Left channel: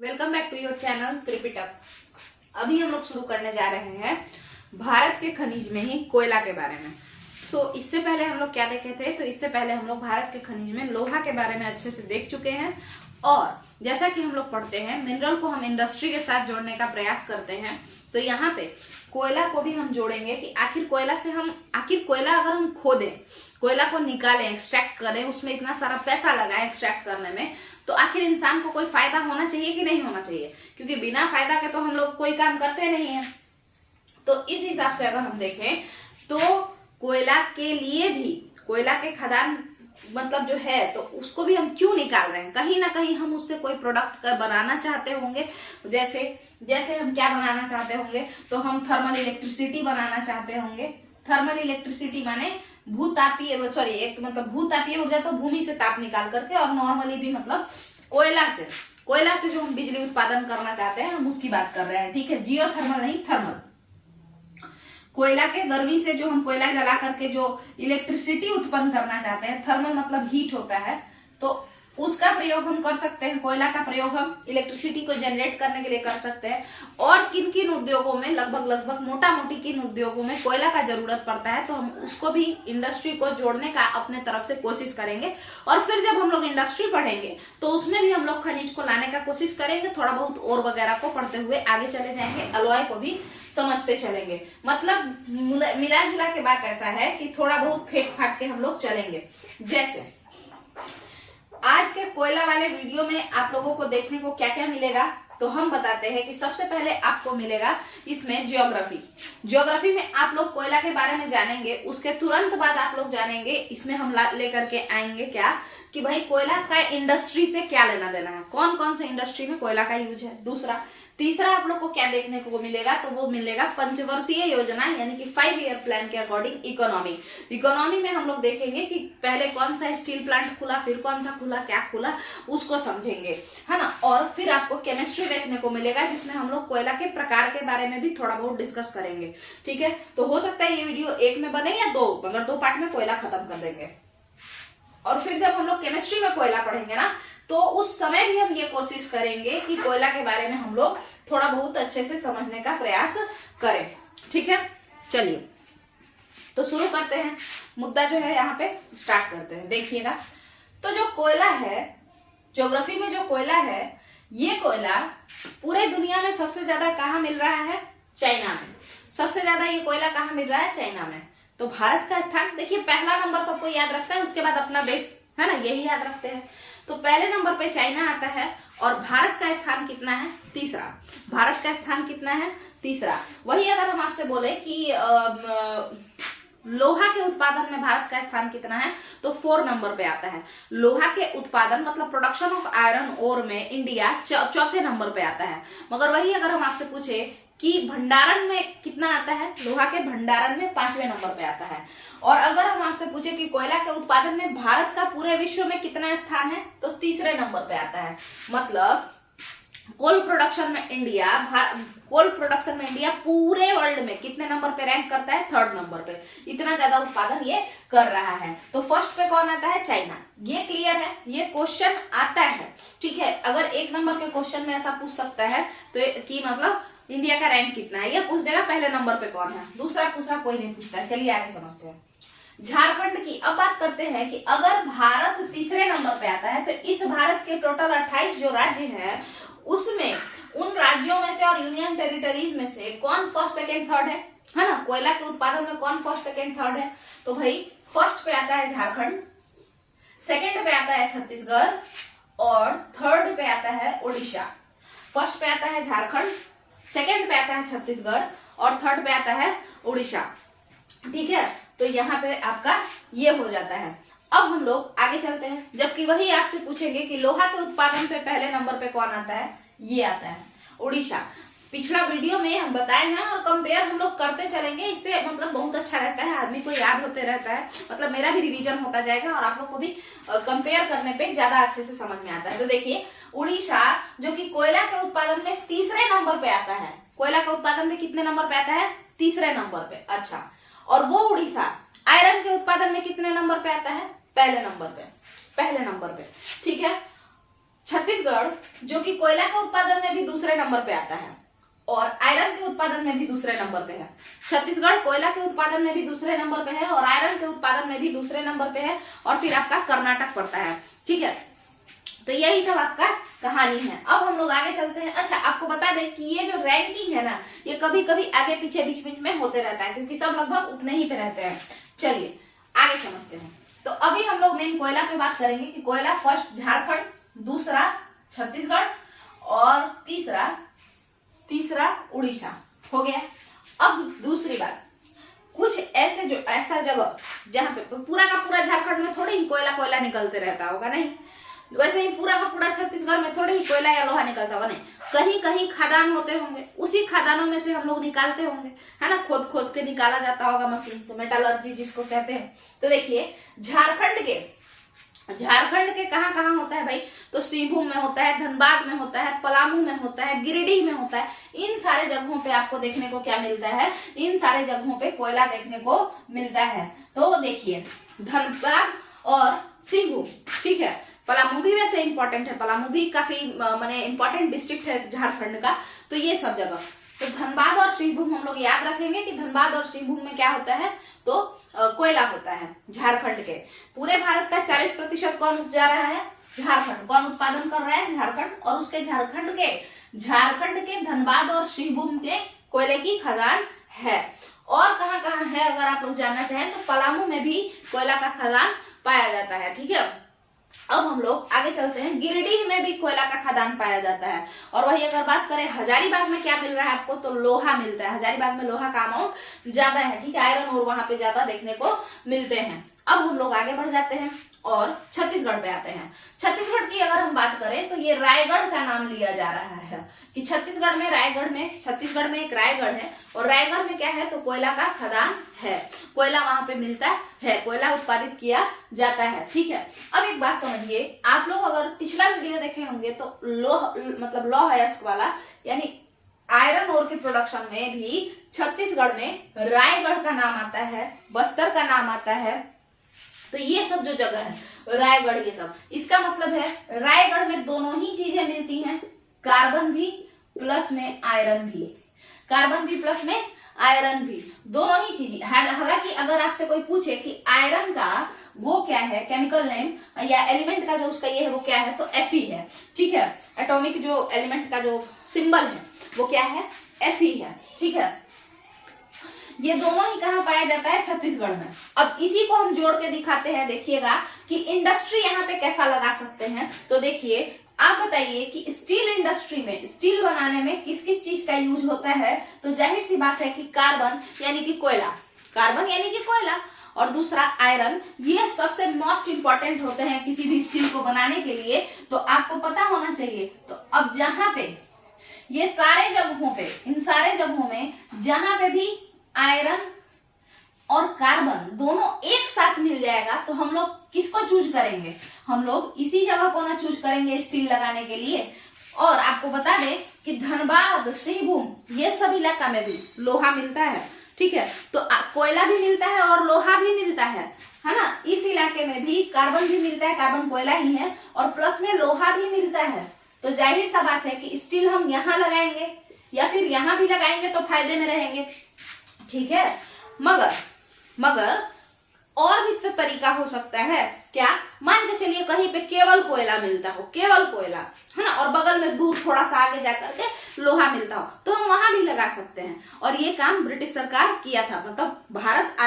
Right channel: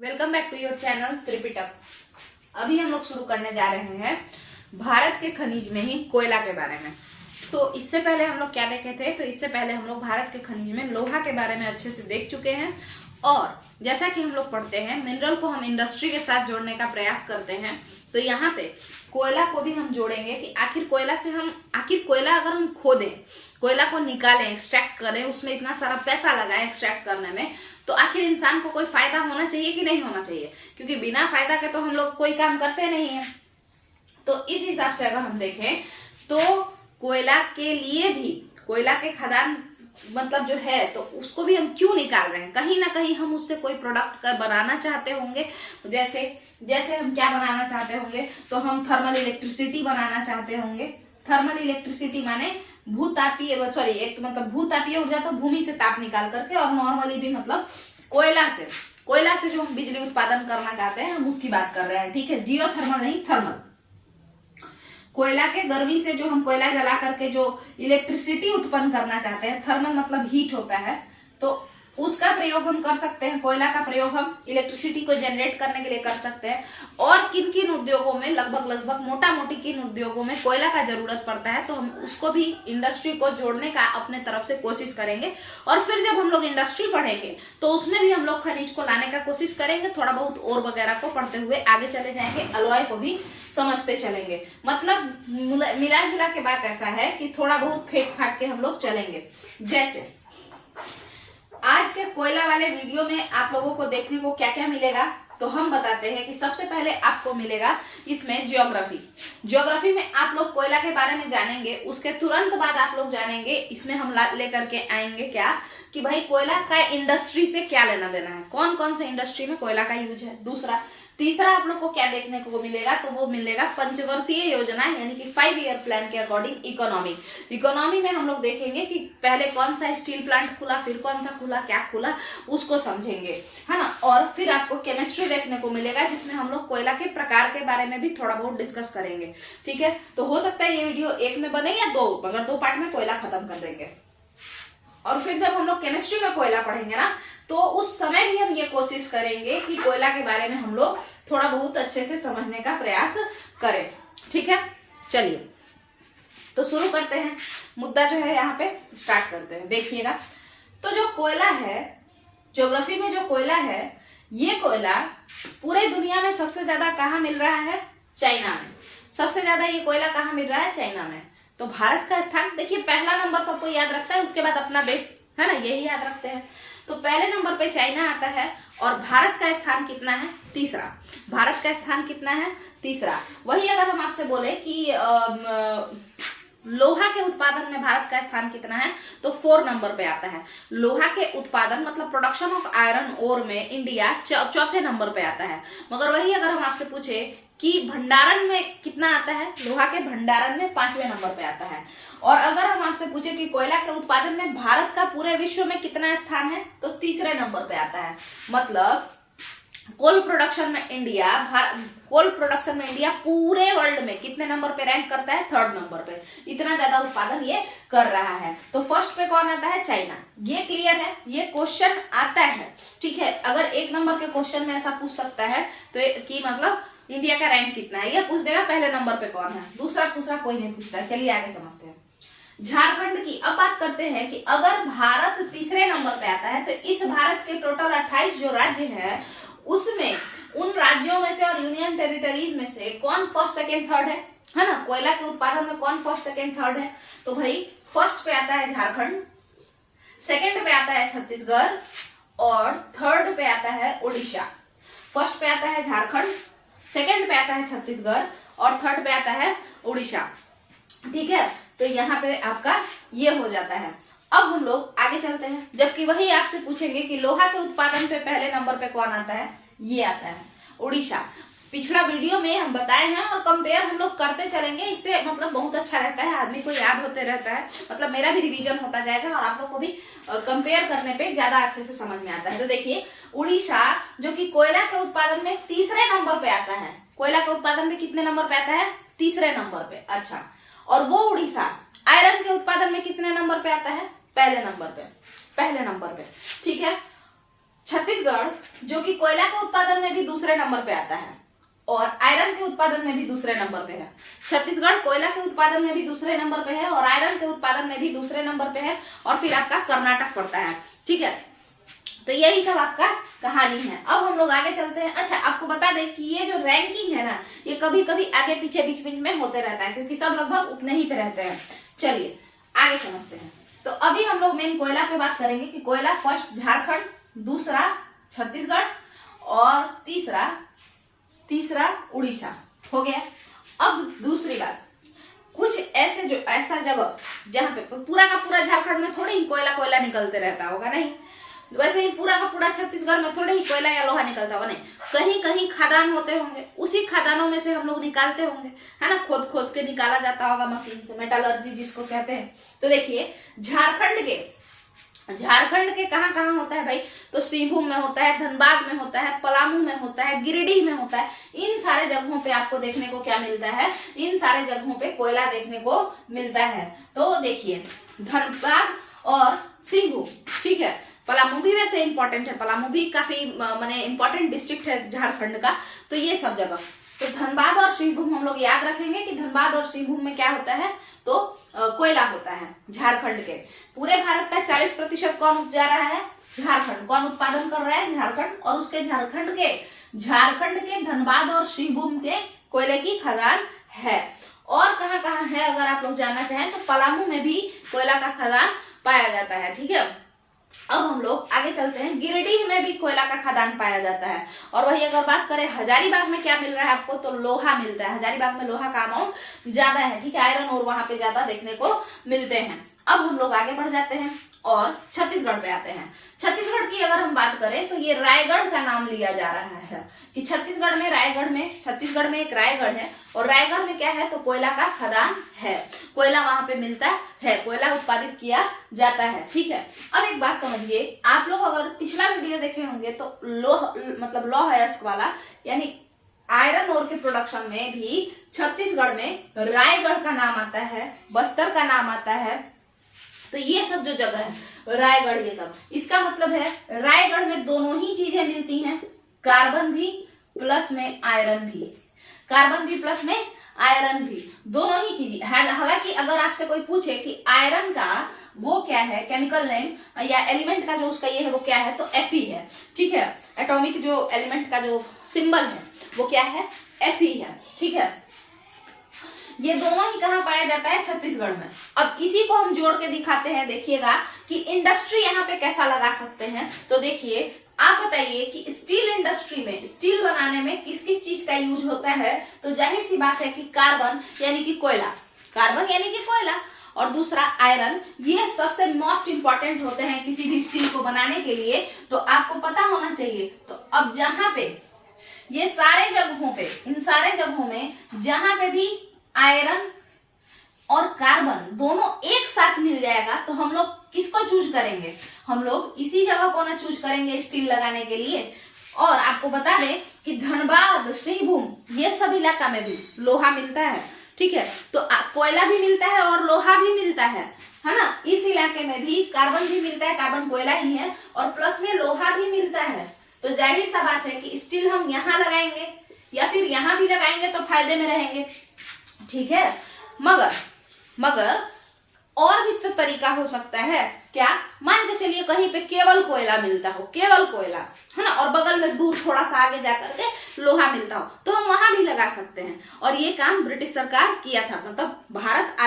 Welcome back to your channel Tripitak. अभी हम लोग शुरू करने जा रहे हैं भारत के खनिज में ही कोयला के बारे में। तो इससे पहले हम लोग क्या देखे थे, तो इससे पहले हम लोग भारत के खनिज में लोहा के बारे में अच्छे से देख चुके हैं। और जैसा कि हम लोग पढ़ते हैं, मिनरल को हम इंडस्ट्री के साथ जोड़ने का प्रयास करते हैं, तो यहाँ पे कोयला को भी हम जोड़ेंगे कि आखिर कोयला अगर हम खोदें, कोयला को निकालें, एक्सट्रैक्ट करें, उसमें इतना सारा पैसा लगाए एक्सट्रैक्ट करने में, तो आखिर इंसान को कोई फायदा होना चाहिए कि नहीं होना चाहिए, क्योंकि बिना फायदा के तो हम लोग कोई काम करते नहीं है। तो इस हिसाब से अगर हम देखें तो कोयला के लिए भी, कोयला के खदान मतलब जो है, तो उसको भी हम क्यों निकाल रहे हैं, कहीं ना कहीं हम उससे कोई प्रोडक्ट बनाना चाहते होंगे। जैसे हम क्या बनाना चाहते होंगे, तो हम थर्मल इलेक्ट्रिसिटी बनाना चाहते होंगे। थर्मल इलेक्ट्रिसिटी माने भूतापीय ऊर्जा, तो भूमि से ताप निकाल करके, और नॉर्मली भी मतलब कोयला से जो हम बिजली उत्पादन करना चाहते हैं, हम उसकी बात कर रहे हैं। ठीक है, जियो थर्मल नहीं, थर्मल। कोयला के गर्मी से जो हम कोयला जला करके जो इलेक्ट्रिसिटी उत्पन्न करना चाहते हैं, थर्मल मतलब हीट होता है, तो उसका प्रयोग हम कर सकते हैं। कोयला का प्रयोग हम इलेक्ट्रिसिटी को जनरेट करने के लिए कर सकते हैं। और किन किन उद्योगों में, लगभग मोटा मोटी किन उद्योगों में कोयला का जरूरत पड़ता है, तो हम उसको भी इंडस्ट्री को जोड़ने का अपने तरफ से कोशिश करेंगे। और फिर जब हम लोग इंडस्ट्री पढ़ेंगे तो उसमें भी हम लोग खनिज को लाने का कोशिश करेंगे। थोड़ा बहुत और वगैरह को पढ़ते हुए आगे चले जाएंगे, अलॉय को भी समझते चलेंगे। मतलब मिला जुला के बात ऐसा है कि थोड़ा बहुत फेंट फाट के हम लोग चलेंगे। जैसे आज के कोयला वाले वीडियो में आप लोगों को देखने को क्या क्या मिलेगा, तो हम बताते हैं कि सबसे पहले आपको मिलेगा इसमें ज्योग्राफी में आप लोग कोयला के बारे में जानेंगे। उसके तुरंत बाद आप लोग जानेंगे, इसमें हम लेकर के आएंगे क्या, कि भाई कोयला का इंडस्ट्री से क्या लेना देना है, कौन कौन से इंडस्ट्री में कोयला का यूज है। तीसरा आप लोग को क्या देखने को मिलेगा, तो वो मिलेगा पंचवर्षीय योजना, यानी कि 5 ईयर प्लान के अकॉर्डिंग इकोनॉमी में हम लोग देखेंगे कि पहले कौन सा स्टील प्लांट खुला, फिर कौन सा खुला, क्या खुला, उसको समझेंगे, है ना। और फिर आपको केमिस्ट्री देखने को मिलेगा, जिसमें हम लोग कोयला के प्रकार के बारे में भी थोड़ा बहुत डिस्कस करेंगे। ठीक है, तो हो सकता है ये वीडियो एक में बने या दो, मगर 2 पार्ट में कोयला खत्म कर देंगे। और फिर जब हम लोग केमिस्ट्री में कोयला पढ़ेंगे ना, तो उस समय भी हम ये कोशिश करेंगे कि कोयला के बारे में हम लोग थोड़ा बहुत अच्छे से समझने का प्रयास करें। ठीक है, चलिए तो शुरू करते हैं। मुद्दा जो है यहाँ पे स्टार्ट करते हैं। देखिएगा, तो जो कोयला है, ज्योग्राफी में जो कोयला है, ये कोयला पूरे दुनिया में सबसे ज्यादा कहाँ मिल रहा है, चाइना में। सबसे ज्यादा ये कोयला कहाँ मिल रहा है, चाइना में। तो भारत का स्थान देखिए, पहला नंबर सबको याद रखता है, उसके बाद अपना देश, है ना, यही याद रखते हैं। तो पहले नंबर पे चाइना आता है, और भारत का स्थान कितना है, तीसरा। भारत का स्थान कितना है, तीसरा। वही अगर हम आपसे बोले कि लोहा के उत्पादन में भारत का स्थान कितना है, तो 4 नंबर पे आता है। लोहा के उत्पादन मतलब प्रोडक्शन ऑफ आयरन ओर में इंडिया चौथे नंबर पे आता है। मगर वही अगर हम आपसे पूछे कि भंडारण में कितना आता है, लोहा के भंडारण में 5वें नंबर पे आता है। और अगर हम आपसे पूछे कि कोयला के उत्पादन में भारत का पूरे विश्व में कितना स्थान है, तो तीसरे नंबर पे आता है। मतलब कोल प्रोडक्शन में इंडिया पूरे वर्ल्ड में कितने नंबर पे रैंक करता है, 3rd नंबर पे। इतना ज्यादा उत्पादन ये कर रहा है। तो फर्स्ट पे कौन आता है, चाइना। ये क्लियर है, ये क्वेश्चन आता है। ठीक है, अगर 1 नंबर के क्वेश्चन में ऐसा पूछ सकता है, तो कि मतलब इंडिया का रैंक कितना है, ये पूछ देगा पहले नंबर पे कौन है, दूसरा कोई नहीं पूछता है। चलिए आगे समझते हैं। झारखंड की अब बात करते हैं कि अगर भारत तीसरे नंबर पे आता है, तो इस भारत के टोटल 28 जो राज्य हैं, उसमें उन राज्यों में से और यूनियन टेरिटरीज में से कौन फर्स्ट, सेकेंड, थर्ड है ना। कोयला के उत्पादन में कौन फर्स्ट, सेकेंड, थर्ड है, तो भाई फर्स्ट पे आता है झारखंड, सेकेंड पे आता है छत्तीसगढ़, और थर्ड पे आता है उड़ीसा। फर्स्ट पे आता है झारखंड, सेकेंड पे आता है छत्तीसगढ़, और थर्ड पे आता है उड़ीसा। ठीक है, तो यहाँ पे आपका ये हो जाता है। अब हम लोग आगे चलते हैं। जबकि वही आपसे पूछेंगे कि लोहा के उत्पादन पे पहले नंबर पे कौन आता है, ये आता है उड़ीसा। पिछला वीडियो में हम बताए हैं, और कंपेयर हम लोग करते चलेंगे। इससे मतलब बहुत अच्छा रहता है, आदमी को याद होते रहता है, मतलब मेरा भी रिवीजन होता जाएगा, और आप लोग को भी कंपेयर करने पे ज्यादा अच्छे से समझ में आता है। तो देखिए, उड़ीसा जो कि कोयला के उत्पादन में तीसरे नंबर पे आता है। कोयला के उत्पादन में कितने नंबर पे आता है, तीसरे नंबर पे। अच्छा, और वो उड़ीसा आयरन के उत्पादन में कितने नंबर पे आता है, पहले नंबर पे। ठीक है, छत्तीसगढ़ जो कि कोयला के उत्पादन में भी दूसरे नंबर पे आता है और आयरन के उत्पादन में भी दूसरे नंबर पे है। छत्तीसगढ़ कोयला के उत्पादन में भी दूसरे नंबर पे है और आयरन के उत्पादन में भी दूसरे नंबर पे है और फिर आपका कर्नाटक पड़ता है। ठीक है, तो यही सब आपका कहानी है। अब हम लोग आगे चलते हैं। अच्छा, आपको बता दें कि ये जो रैंकिंग है ना, ये कभी कभी आगे पीछे बीच बीच में होते रहता है क्योंकि सब लगभग उतने ही पे रहते हैं। चलिए आगे समझते हैं। तो अभी हम लोग मेन कोयला पे बात करेंगे कि कोयला फर्स्ट झारखंड, दूसरा छत्तीसगढ़ और तीसरा उड़ीसा हो गया। अब दूसरी बात, कुछ ऐसा जगह जहां पे पूरा का पूरा झारखंड में थोड़े ही कोयला निकलते रहता होगा, नहीं वैसे ही पूरा का पूरा छत्तीसगढ़ में थोड़े ही कोयला या लोहा निकलता होगा, नहीं कहीं कहीं खदान होते होंगे, उसी खदानों में से हम लोग निकालते होंगे, है ना, खोद के निकाला जाता होगा मशीन से, मेटलर्जी जिसको कहते हैं। तो देखिए झारखंड के कहाँ कहाँ होता है भाई, तो सिंहभूम में होता है, धनबाद में होता है, पलामू में होता है, गिरिडीह में होता है। इन सारे जगहों पे आपको देखने को क्या मिलता है, इन सारे जगहों पे कोयला देखने को मिलता है। तो देखिए धनबाद और सिंहभूम, ठीक है, पलामू भी वैसे इंपॉर्टेंट है, पलामू भी काफी माने इंपॉर्टेंट डिस्ट्रिक्ट है झारखंड का। तो ये सब जगह, तो धनबाद और सिंहभूम हम लोग याद रखेंगे कि धनबाद और सिंहभूम में क्या होता है, तो कोयला होता है झारखंड के। पूरे भारत का 40% कौन उपजा रहा है, झारखंड। कौन उत्पादन कर रहा है, झारखंड। और उसके झारखंड के धनबाद और सिंहभूम के कोयले की खदान है। और कहाँ कहाँ है अगर आप लोग जानना चाहें तो पलामू में भी कोयला का खदान पाया जाता है। ठीक है, अब हम लोग आगे चलते हैं। गिरिडीह में भी कोयला का खदान पाया जाता है। और वही अगर बात करें हजारीबाग में क्या मिल रहा है आपको, तो लोहा मिलता है। हजारीबाग में लोहा का अमाउंट ज्यादा है, ठीक है, आयरन और वहां पे ज्यादा देखने को मिलते हैं। अब हम लोग आगे बढ़ जाते हैं और छत्तीसगढ़ पे आते हैं। छत्तीसगढ़ की अगर हम बात करें तो ये रायगढ़ का नाम लिया जा रहा है कि छत्तीसगढ़ में एक रायगढ़ है और रायगढ़ में क्या है, तो कोयला का खदान है, कोयला वहां पे मिलता है, कोयला उत्पादित किया जाता है। ठीक है, अब एक बात समझिए, आप लोग अगर पिछला वीडियो देखे होंगे तो लौह अयस्क वाला यानी आयरन ओर के प्रोडक्शन में भी छत्तीसगढ़ में रायगढ़ का नाम आता है, बस्तर का नाम आता है। तो ये सब जो जगह है रायगढ़, ये सब, इसका मतलब है रायगढ़ में दोनों ही चीजें मिलती हैं, कार्बन भी प्लस में आयरन भी, कार्बन भी प्लस में आयरन भी, दोनों ही चीजें। हालांकि अगर आपसे कोई पूछे कि आयरन का वो क्या है, केमिकल नेम या एलिमेंट का जो उसका ये है वो क्या है, तो Fe है। ठीक है, एटॉमिक जो एलिमेंट का जो सिंबल है वो क्या है, Fe है। ठीक है, ये दोनों ही कहाँ पाया जाता है, छत्तीसगढ़ में। अब इसी को हम जोड़ के दिखाते हैं, देखिएगा कि इंडस्ट्री यहाँ पे कैसा लगा सकते हैं। तो देखिए, आप बताइए कि स्टील इंडस्ट्री में, स्टील बनाने में किस किस चीज का यूज होता है, तो जाहिर सी बात है कि कार्बन यानी कि कोयला, और दूसरा आयरन, ये सबसे मोस्ट इंपॉर्टेंट होते हैं किसी भी स्टील को बनाने के लिए, तो आपको पता होना चाहिए। तो अब जहां पे ये सारे जगहों पे, इन सारे जगहों में जहां पे भी आयरन और कार्बन दोनों एक साथ मिल जाएगा तो हम लोग किसको चूज करेंगे, हम लोग इसी जगह को ना चूज करेंगे स्टील लगाने के लिए। और आपको बता दें कि धनबाद, सिंहभूम, ये सब इलाका में भी लोहा मिलता है। ठीक है, तो कोयला भी मिलता है और लोहा भी मिलता है ना। इस इलाके में भी कार्बन भी मिलता है, कार्बन कोयला ही है, और प्लस में लोहा भी मिलता है। तो जाहिर सा बात है कि स्टील हम यहाँ लगाएंगे या फिर यहाँ भी लगाएंगे तो फायदे में रहेंगे। ठीक है, मगर और भी तो तरीका हो सकता है क्या, मान के चलिए कहीं पे केवल कोयला मिलता हो, केवल कोयला, है ना, और बगल में दूर थोड़ा सा आगे जाकर के लोहा मिलता हो, तो हम वहां भी लगा सकते हैं। और ये काम ब्रिटिश सरकार किया था, मतलब भारत के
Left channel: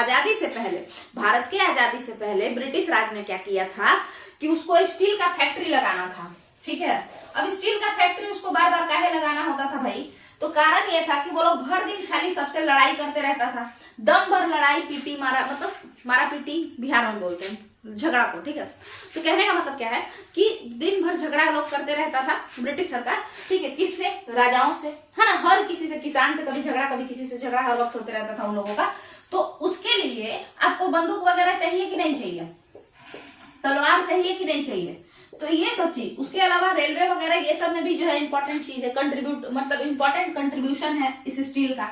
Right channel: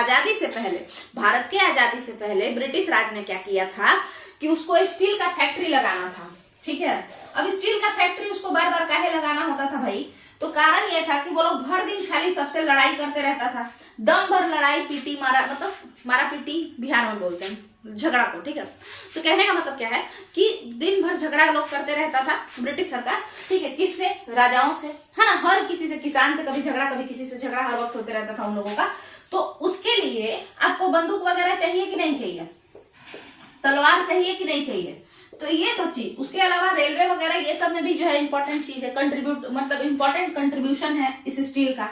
आजादी से पहले ब्रिटिश राज ने क्या किया था कि उसको स्टील का फैक्ट्री लगाना था। ठीक है, अब स्टील का फैक्ट्री उसको बार बार काहे लगाना होता था भाई, तो कारण ये था कि वो लोग भर दिन खाली सबसे लड़ाई करते रहता था, दम भर लड़ाई पीटी, मारा पीटी बिहार में बोलते हैं झगड़ा को। ठीक है, तो कहने का मतलब क्या है कि दिन भर झगड़ा लोग करते रहता था ब्रिटिश सरकार। ठीक है, किससे, राजाओं से, है ना, हर किसी से, किसान से कभी झगड़ा, कभी किसी से झगड़ा, हर वक्त होते रहता था उन लोगों का। तो उसके लिए आपको बंदूक वगैरह चाहिए कि नहीं चाहिए, तलवार चाहिए कि नहीं चाहिए, तो ये सब चीज, उसके अलावा रेलवे वगैरह ये सब में भी जो है इंपॉर्टेंट चीज है, इंपॉर्टेंट कंट्रीब्यूशन है इस स्टील का।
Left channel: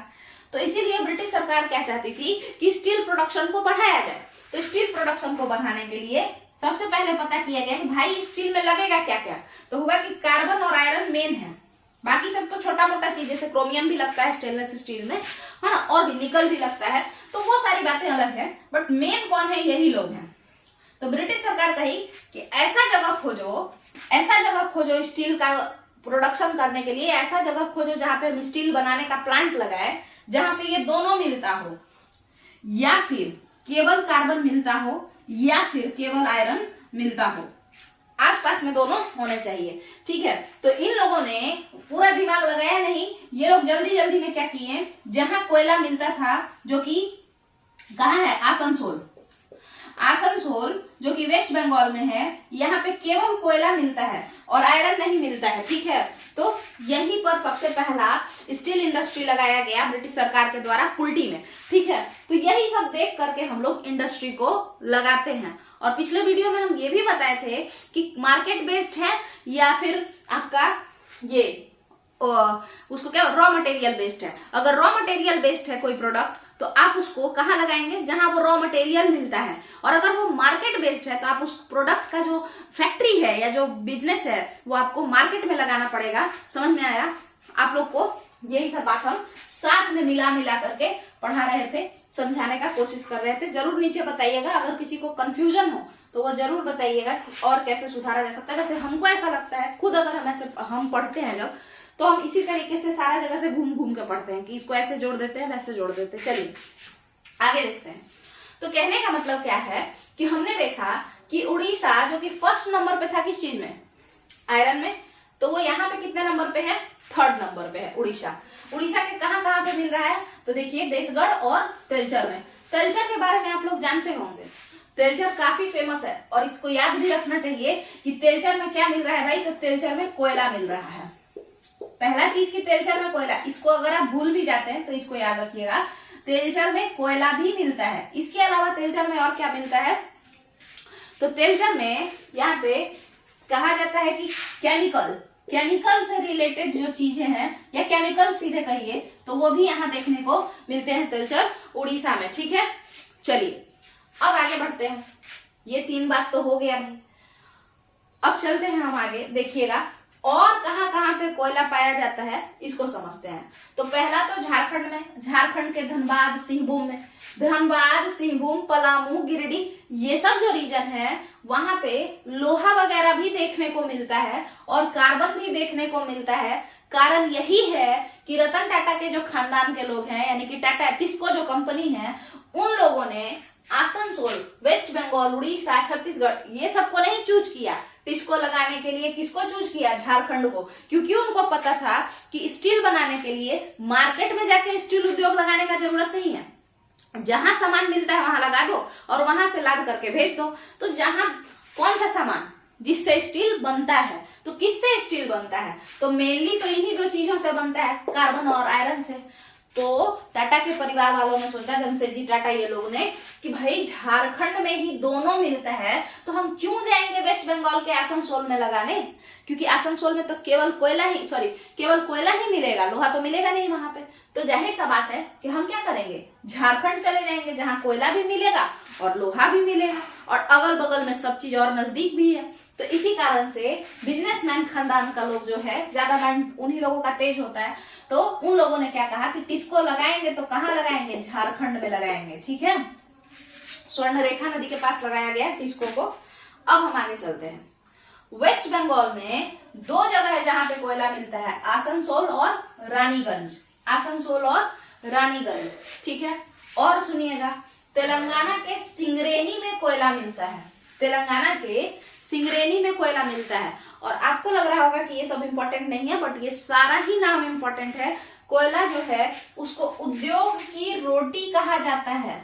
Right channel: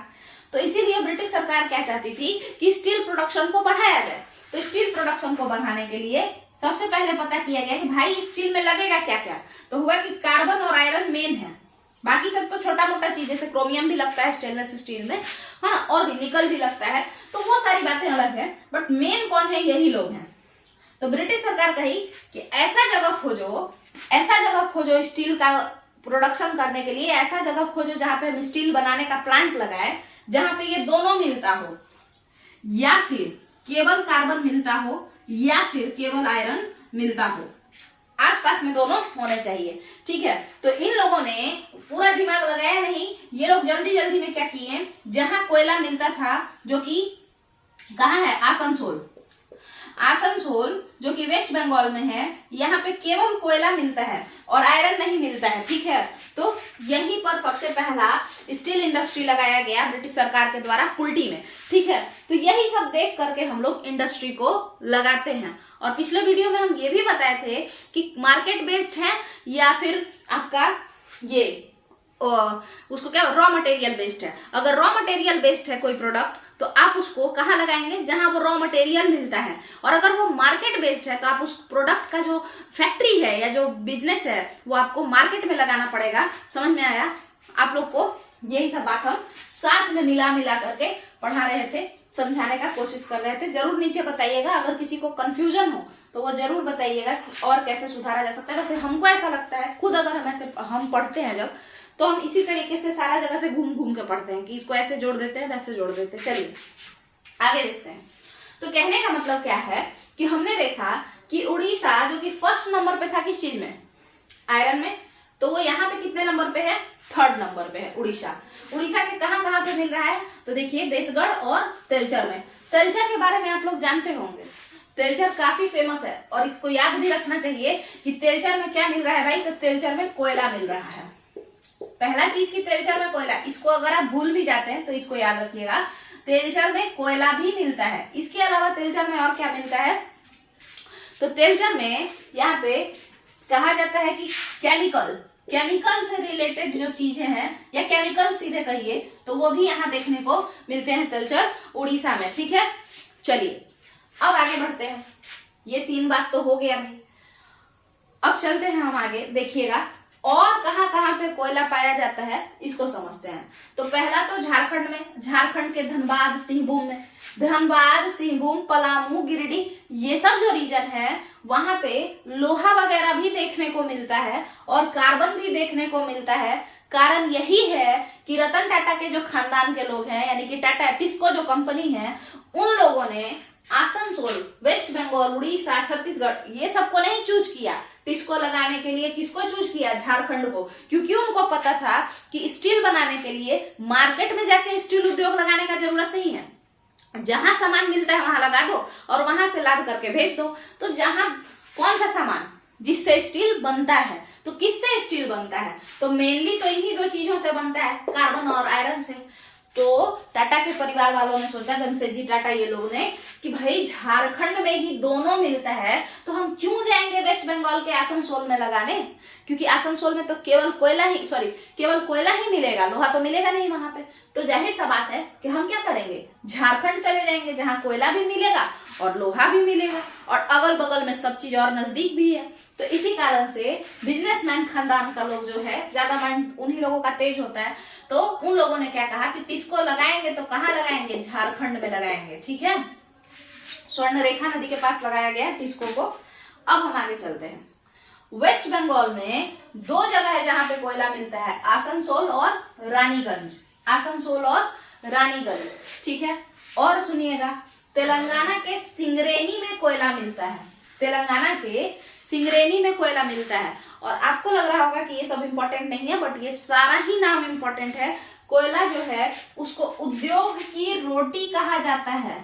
तो इसीलिए ब्रिटिश सरकार क्या चाहती थी कि स्टील प्रोडक्शन को बढ़ाया जाए। तो स्टील प्रोडक्शन को बढ़ाने के लिए सबसे पहले पता किया गया कि भाई स्टील में लगेगा क्या क्या। तो हुआ कि कार्बन और आयरन मेन है, बाकी सब तो छोटा मोटा चीज, जैसे क्रोमियम भी लगता है स्टेनलेस स्टील में, है ना, और भी निकल भी लगता है, तो वो सारी बातें अलग है, बट मेन कौन है, यही लोग हैं। तो ब्रिटिश सरकार कही कि ऐसा जगह खोजो स्टील का प्रोडक्शन करने के लिए, ऐसा जगह खोजो जहां पे हम स्टील बनाने का प्लांट लगाए, जहां पे ये दोनों मिलता हो, या फिर केवल कार्बन मिलता हो या फिर केवल आयरन मिलता हो, आसपास में दोनों होने चाहिए। ठीक है, तो इन लोगों ने पूरा दिमाग लगाया नहीं, ये लोग जल्दी जल्दी में क्या किए, जहां कोयला मिलता था, जो कि कहाँ है, आसनसोल जो कि वेस्ट बंगाल में है, यहाँ पे केवल कोयला मिलता है और आयरन नहीं मिलता है। ठीक है, तो यहीं पर सबसे पहला स्टील इंडस्ट्री लगाया गया ब्रिटिश सरकार के द्वारा कुल्टी में। ठीक है, तो यही सब देख करके हम लोग इंडस्ट्री को लगाते हैं। और पिछले वीडियो में हम ये भी बताए थे कि मार्केट बेस्ड है या फिर आपका ये उसको क्या रॉ मटेरियल बेस्ड है। अगर रॉ मटेरियल बेस्ड है कोई प्रोडक्ट, तो आप उसको कहाँ लगाएंगे, जहां वो रॉ मटेरियल मिलता है। और अगर वो मार्केट बेस्ड है, तो आप उस प्रोडक्ट का जो फैक्ट्री है या जो बिजनेस है वो आपको मार्केट में लगाना पड़ेगा। समझ में आया आप लोग को? यही सब बात हम साथ में मिला करके पढ़ा रहे थे, समझाने का कोशिश कर रहे थे। जरूर नीचे बताइएगा अगर किसी को कंफ्यूजन हो तो वो जरूर बताइएगा और कैसे सुधारा जा सकता है। वैसे हमको ऐसा लगता है खुद, अगर हम पढ़ते हैं जब, तो हम इसी तरीके से सारा जगह से घूम घूम के पढ़ते हैं कि इसको ऐसे जोड़ देते हैं, वैसे जोड़ देते हैं। चलिए आगे देखते हैं। तो कहने का मतलब क्या है कि हमने देखा कि उड़ीसा जो कि फर्स्ट नंबर पे था किस चीज में, आयरन में, तो वो यहाँ पे कितने नंबर पे है, थर्ड नंबर पे है उड़ीसा। उड़ीसा के कहाँ पे मिल रहा है, तो देखिए देशगढ़ और तेलचर में। तेलचर के बारे में आप लोग जानते होंगे, तेलचर काफी फेमस है और इसको याद भी रखना चाहिए कि तेलचर में क्या मिल रहा है भाई, तो तेलचर में कोयला मिल रहा है। पहला चीज की तेलचर में कोयला, इसको अगर आप भूल भी जाते हैं तो इसको याद रखिएगा, तेलचर में कोयला भी मिलता है। इसके अलावा तेलचर में और क्या मिलता है, तो तेलचर में यहाँ पे कहा जाता है कि केमिकल से रिलेटेड जो चीजें हैं, या केमिकल सीधे कहिए, तो वो भी यहाँ देखने को मिलते हैं तेलचर उड़ीसा में। ठीक है, चलिए अब आगे बढ़ते हैं। ये 3 बात तो हो गया भाई। अब चलते हैं हम आगे, देखिएगा और कहाँ पे कोयला पाया जाता है इसको समझते हैं। तो पहला तो झारखंड में, झारखंड के धनबाद सिंहभूम पलामू गिरिडीह, ये सब जो रीजन है वहां पे लोहा वगैरह भी देखने को मिलता है और कार्बन भी देखने को मिलता है। कारण यही है कि रतन टाटा के जो खानदान के लोग हैं, यानी कि टाटा टिस्को जो कंपनी है, उन लोगों ने आसनसोल, वेस्ट बंगाल, उड़ीसा, छत्तीसगढ़, ये सबको नहीं चूज किया टिस्को लगाने के लिए। किसको चूज किया, झारखंड को, क्योंकि उनको पता था कि स्टील बनाने के लिए मार्केट में जाके स्टील उद्योग लगाने का जरूरत नहीं है, जहां सामान मिलता है वहां लगा दो और वहां से लाद करके भेज दो। तो जहां कौन सा सामान जिससे स्टील बनता है, तो किससे स्टील बनता है, तो मेनली तो इन्हीं 2 चीजों से बनता है, कार्बन और आयरन से। तो टाटा के परिवार वालों ने सोचा, जमशेदजी टाटा ये लोग ने, कि भाई झारखंड में ही दोनों मिलता है तो हम क्यों जाएंगे वेस्ट बंगाल के आसनसोल में लगाने, क्योंकि आसनसोल में तो केवल कोयला ही मिलेगा, लोहा तो मिलेगा नहीं वहां पे। तो जाहिर सा बात है कि हम क्या करेंगे, झारखंड चले जाएंगे जहां कोयला भी मिलेगा और लोहा भी मिलेगा और अगल बगल में सब चीज और नजदीक भी है। तो इसी कारण से बिजनेसमैन खानदान का लोग जो है, ज्यादा माइंड उन्हीं लोगों का तेज होता है, तो उन लोगों ने क्या कहा कि टिस्को लगाएंगे तो कहाँ लगाएंगे, झारखंड में लगाएंगे। ठीक है, स्वर्ण रेखा नदी के पास लगाया गया टिस्को को। अब हम आगे चलते हैं। वेस्ट बंगाल में 2 जगह है जहां पे कोयला मिलता है, आसनसोल और रानीगंज। ठीक है, और सुनिएगा, तेलंगाना के सिंगरेनी में कोयला मिलता है। और आपको लग रहा होगा कि ये सब इंपॉर्टेंट नहीं है, बट ये सारा ही नाम इंपॉर्टेंट है। कोयला जो है उसको उद्योग की रोटी कहा जाता है।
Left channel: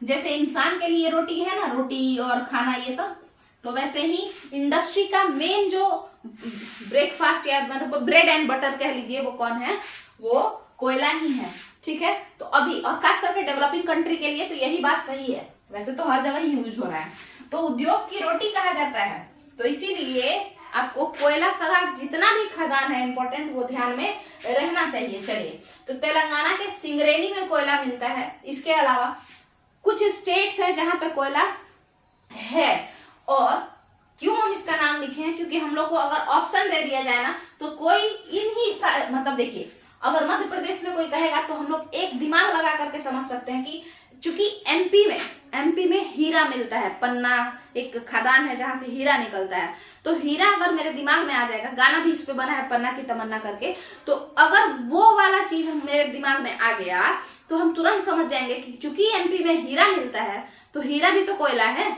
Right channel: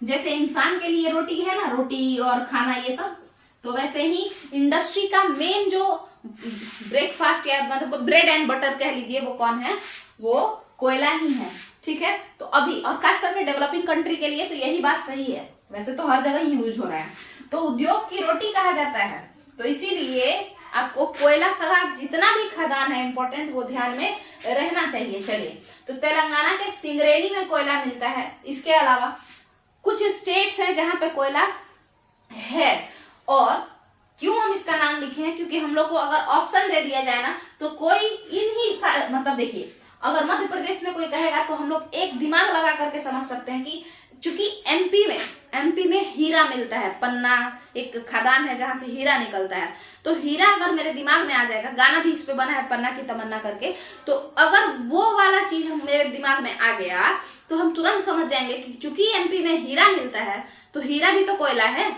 जैसे इंसान के लिए रोटी है ना, रोटी और खाना ये सब, तो वैसे ही इंडस्ट्री का मेन जो ब्रेकफास्ट या मतलब ब्रेड एंड बटर कह लीजिए, वो कौन है, वो कोयला ही है। ठीक है, तो अभी और खास करके डेवलपिंग कंट्री के लिए तो यही बात सही है, वैसे तो हर जगह ही यूज हो रहा है। तो उद्योग की रोटी कहा जाता है, तो इसीलिए आपको कोयला का जितना भी खदान है इंपॉर्टेंट, वो ध्यान में रहना चाहिए। चलिए, तो तेलंगाना के सिंगरेनी में कोयला मिलता है। इसके अलावा कुछ स्टेट्स हैं जहां पे कोयला है। और क्यों हम इसका नाम लिखे हैं, क्योंकि हम लोग को अगर ऑप्शन दे दिया जाए ना तो कोई मतलब देखिए, अगर मध्य प्रदेश में कोई कहेगा तो हम लोग एक दिमाग लगा करके समझ सकते हैं कि चूंकि एमपी में हीरा मिलता है, पन्ना एक खदान है जहां से हीरा निकलता है, तो हीरा अगर मेरे दिमाग में आ जाएगा, गाना भी इस पे बना है पन्ना की तमन्ना करके, तो अगर वो वाला चीज हम मेरे दिमाग में आ गया तो हम तुरंत समझ जाएंगे कि चूंकि एमपी में हीरा मिलता है तो हीरा भी तो कोयला है,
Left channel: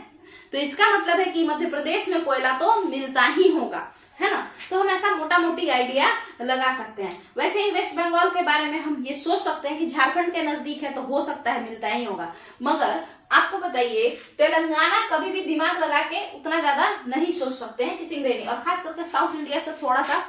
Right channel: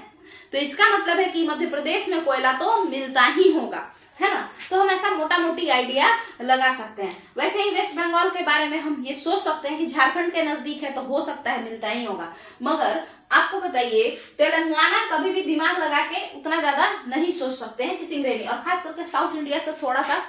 तो इसका मतलब है कि मध्य प्रदेश में कोयला तो मिलता ही होगा, है ना। तो हम ऐसा मोटा मोटी आइडिया लगा सकते हैं। वैसे ही वेस्ट बंगाल के बारे में हम ये सोच सकते हैं कि झारखंड के नजदीक है तो हो सकता है मिलता ही होगा, मगर आपको बताइए तेलंगाना कभी भी दिमाग लगा के उतना ज्यादा नहीं सोच सकते हैं कि सिंगरेनी, और खास करके साउथ इंडिया से थोड़ा सा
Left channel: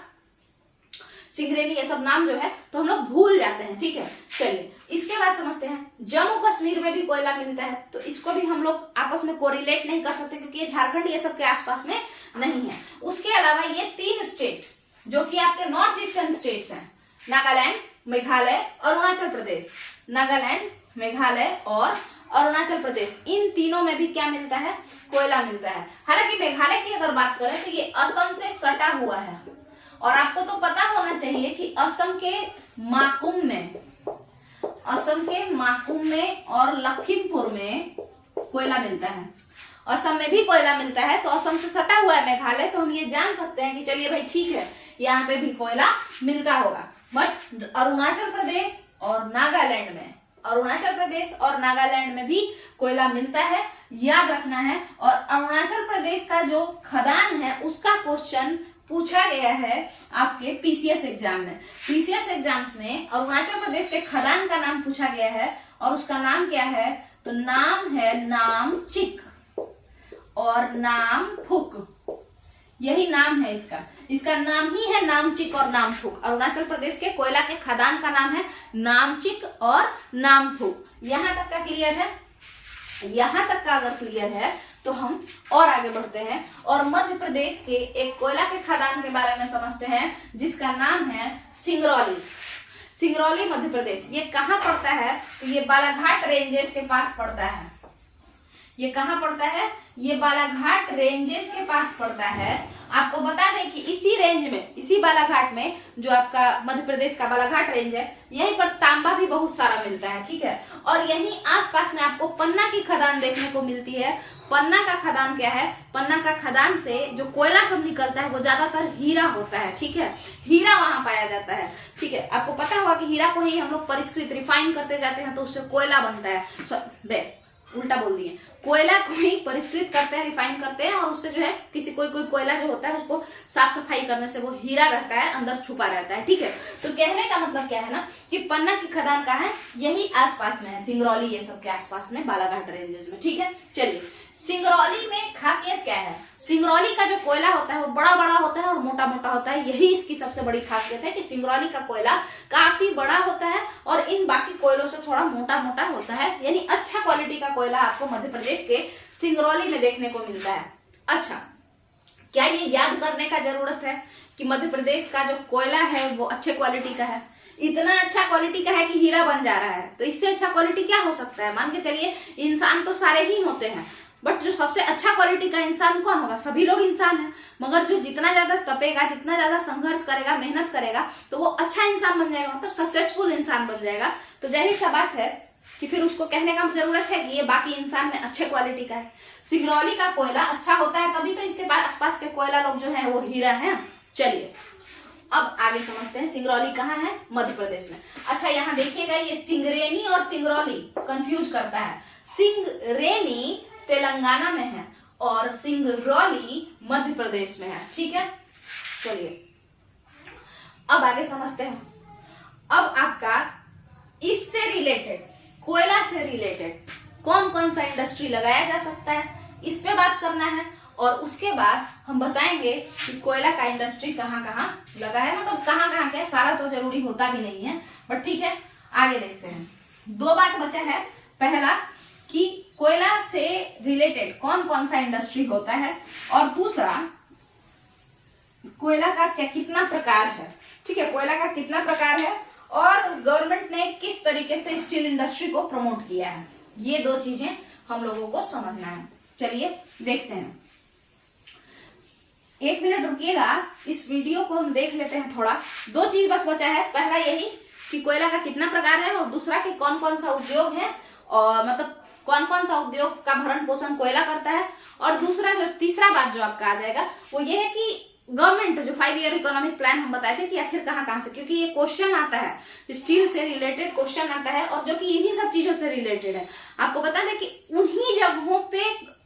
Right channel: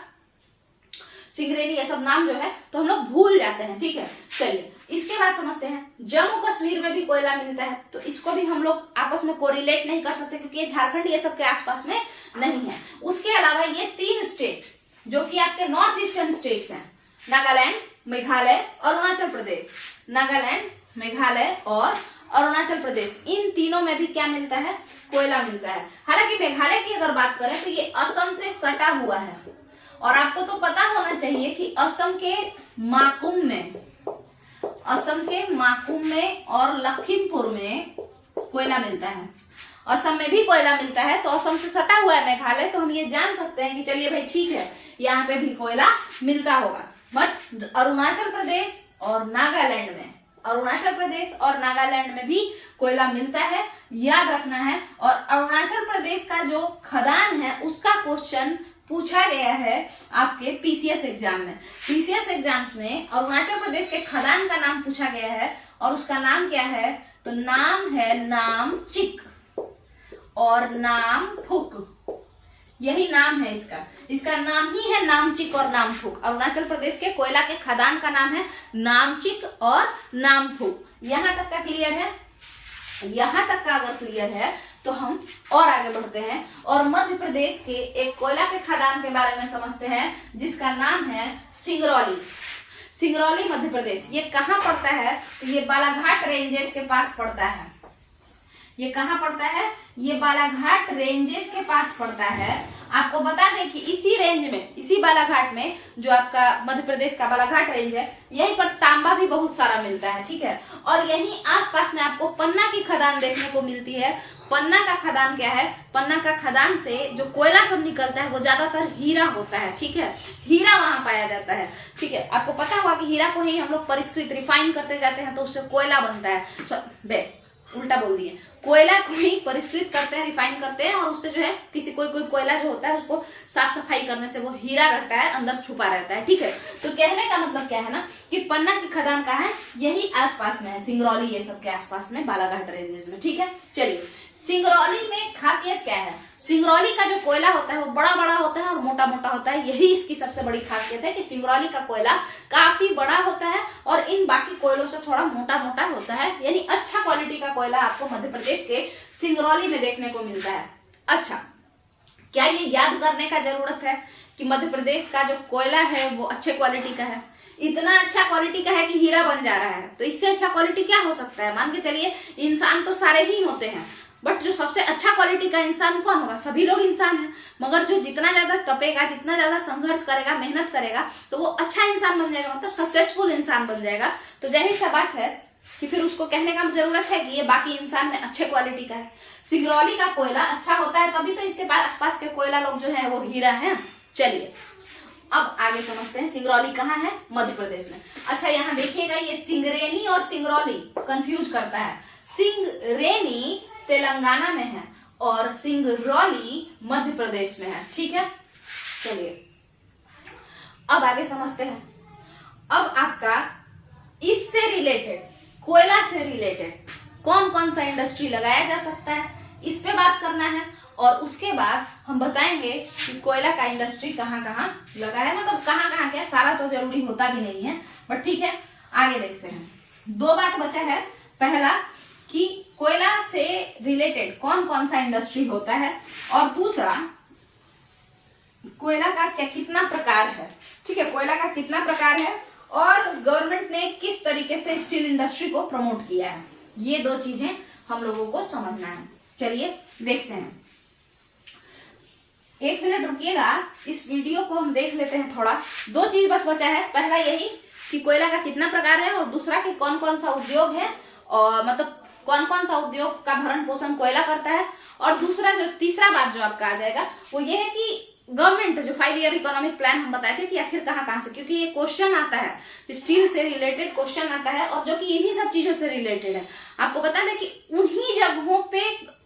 सिंगरेनी ये सब नाम जो है तो हम लोग भूल जाते हैं, ठीक है। चलिए इसके बाद समझते हैं, जम्मू कश्मीर में भी कोयला मिलता है, तो इसको भी हम लोग आपस में कोरिलेट नहीं कर सकते क्योंकि ये झारखंड ये सब के आसपास में नहीं है। उसके अलावा ये 3 स्टेट जो कि आपके नॉर्थ ईस्टर्न स्टेट्स हैं, नागालैंड, मेघालय, अरुणाचल प्रदेश, नागालैंड, मेघालय और अरुणाचल प्रदेश, इन तीनों में भी क्या मिलता है, कोयला मिलता है। हालांकि मेघालय की अगर बात करें तो ये असम से सटा हुआ है, और आपको तो पता होना चाहिए कि असम के माकुम में और लखीमपुर में कोयला मिलता है। असम में भी कोयला मिलता है, तो असम से सटा हुआ है मेघालय, तो हम ये जान सकते हैं कि चलिए भाई ठीक है, यहाँ पे भी कोयला मिलता होगा। बट अरुणाचल प्रदेश और नागालैंड में भी कोयला मिलता है, याद रखना है। और अरुणाचल प्रदेश का जो खदान है उसका क्वेश्चन पूछा गया है आपके पीसीएस एग्जाम में। पीसीएस एग्जाम्स में अरुणाचल प्रदेश के खदान का नाम पूछा गया है, और उसका नाम क्या है, तो नाम है नामचिक और नामफुक, यही नाम है इसका नाम ही है नामचिक और नामफुक। अरुणाचल प्रदेश के कोयला के खदान का नाम है नामचिक और नामफुक। यहां तक का क्लियर है? यहां तक का अगर क्लियर है तो हम और आगे बढ़ते हैं और मध्य प्रदेश के एक कोयला के खदान के बारे में समझते हैं जिसका नाम है सिंगरौली मध्य प्रदेश। ये कहाँ पड़ता है, तो ये बालाघाट रेंजेस के पास पड़ता है। ये कहाँ पड़ता है, ये बालाघाट रेंजेस के पास पड़ता है। आपको बता दें कि इसी रेंज में, इसी बालाघाट में, जो आपका मध्य प्रदेश का बालाघाट रेंज है, यहीं पर तांबा भी बहुत सारा मिलता है, ठीक है। और यहीं आसपास में आपको पन्ना की खदान देखने को मिलती है। पन्ना का खदान क्या है, पन्ना का खदान से जो कोयला सब निकलता है वो ज्यादातर हीरा होता है, ठीक है। हीरा वहां पाया जाता है, ठीक है। आपको पता होगा कि हीरा को ही हम लोग परिष्कृत रिफाइन करते जाते हैं तो उससे कोयला बनता है। उल्टा बोल दिए, कोयला को ही परिष्कृत करते हैं, रिफाइन करते हैं, और उससे जो है किसी कोई कोयला जो होता है उसको साफ सफाई करने से वो हीरा रहता है, अंदर छुपा रहता है, ठीक है। तो कहने का मतलब क्या है ना कि पन्ना की खदान कहाँ है, यही आसपास में है, सिंगरौली ये सब के आसपास में, बालाघाट रेंजेस में, ठीक है। चलिए सिंगरौली में खासियत क्या है, सिंगरौली का जो कोयला होता है वो बड़ा बड़ा होता है और मोटा मोटा होता है। यही इसकी सबसे बड़ी खासियत है कि सिंगरौली का कोयला काफी बड़ा होता है और इन बाकी कोयलों से थोड़ा मोटा मोटा होता है, यानी अच्छा क्वालिटी का कोयला आपको मध्य प्रदेश के सिंगरौली में देखने को मिलता है। अच्छा, क्या ये याद करने का जरूरत है कि मध्य प्रदेश का जो कोयला है वो अच्छे क्वालिटी का है? इतना अच्छा क्वालिटी का है कि हीरा बन जा रहा है, तो इससे अच्छा क्वालिटी क्या हो सकता है। मान के चलिए इंसान तो सारे ही होते हैं, बट जो सबसे अच्छा क्वालिटी का इंसान कौन होगा, सभी लोग इंसान हैं, मगर जो जितना ज्यादा तपेगा, जितना ज्यादा संघर्ष करेगा, मेहनत करेगा, तो वो अच्छा इंसान बन जाएगा, मतलब सक्सेसफुल इंसान बन जाएगा। तो जाहिर सा बात है कि फिर उसको कहने का जरूरत है कि ये बाकी इंसान में अच्छे क्वालिटी का है। सिंगरौली का कोयला अच्छा होता है तभी तो इसके आसपास के कोयला लोग जो है वो हीरा है। चलिए अब आगे समझते हैं सिंगरौली कहाँ है, मध्य प्रदेश में। अच्छा यहाँ देखिएगा, ये सिंगरेनी और सिंगरौली कंफ्यूज करता है। सिंगरेनी तेलंगाना में है और सिंगरौली मध्य प्रदेश में है, ठीक है। चलिए अब आगे समझते हैं। अब आपका इससे रिलेटेड, कोयला से रिलेटेड कौन कौन सा इंडस्ट्री लगाया जा सकता है, इस पे बात करना है। और उसके बाद हम बताएंगे कि कोयला का इंडस्ट्री कहाँ कहाँ लगा है, मतलब कहाँ कहाँ क्या, सारा तो जरूरी होता भी नहीं है, बट ठीक है आगे देखते हैं। 2 बात बचा है। पहला कि कोयला से रिलेटेड कौन कौन सा इंडस्ट्री होता है, और दूसरा कोयला का क्या कितना प्रकार है, ठीक है, कोयला का कितना प्रकार है और गवर्नमेंट ने किस तरीके से स्टील इंडस्ट्री को प्रमोट किया है। ये 2 चीजें हम लोगों को समझना है। चलिए देखते हैं, 1 मिनट रुकिएगा, इस वीडियो को हम देख लेते हैं थोड़ा। 2 चीज बस बचा है, पहला यही कि कोयला का कितना प्रकार है, और दूसरा कि कौन कौन सा उद्योग है, और मतलब कौन कौन सा उद्योग का भरण पोषण कोयला करता है। और दूसरा जो तीसरा बात जो आपका आ जाएगा वो ये है कि गवर्नमेंट जो 5 ईयर इकोनॉमिक प्लान हम बताए थे कि आखिर कहाँ से, क्योंकि ये क्वेश्चन आता है, स्टील से रिलेटेड क्वेश्चन आता है, और जो कि इन्हीं सब चीजों से रिलेटेड है। आपको बता दें कि उन्हीं जगहों पे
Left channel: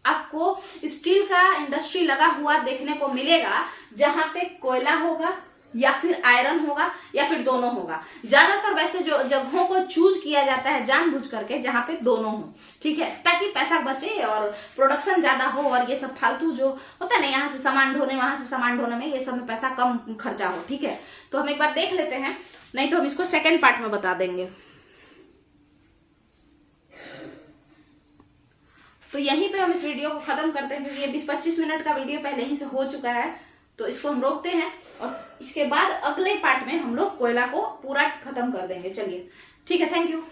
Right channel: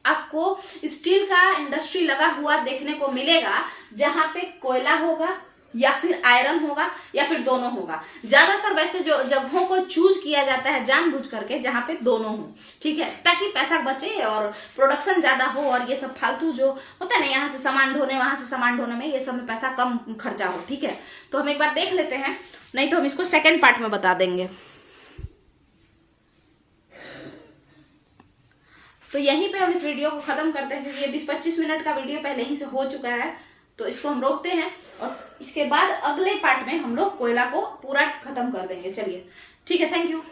आपको स्टील का इंडस्ट्री लगा हुआ देखने को मिलेगा जहां पे कोयला होगा या फिर आयरन होगा या फिर दोनों होगा। ज्यादातर वैसे जो जगहों को चूज किया जाता है जानबूझ करके जहां पे दोनों हो, ठीक है, ताकि पैसा बचे और प्रोडक्शन ज्यादा हो, और ये सब फालतू जो होता है ना, यहाँ से सामान ढोने वहां से सामान ढोने में, ये सब में पैसा कम खर्चा हो, ठीक है। तो हम एक बार देख लेते हैं, नहीं तो हम इसको सेकेंड पार्ट में बता देंगे। तो यहीं पे हम इस वीडियो को खत्म करते हैं, क्योंकि ये 20-25 मिनट का वीडियो पहले ही से हो चुका है। तो इसको हम रोकते हैं, और इसके बाद अगले पार्ट में हम लोग कोयला को पूरा खत्म कर देंगे। चलिए ठीक है, थैंक यू।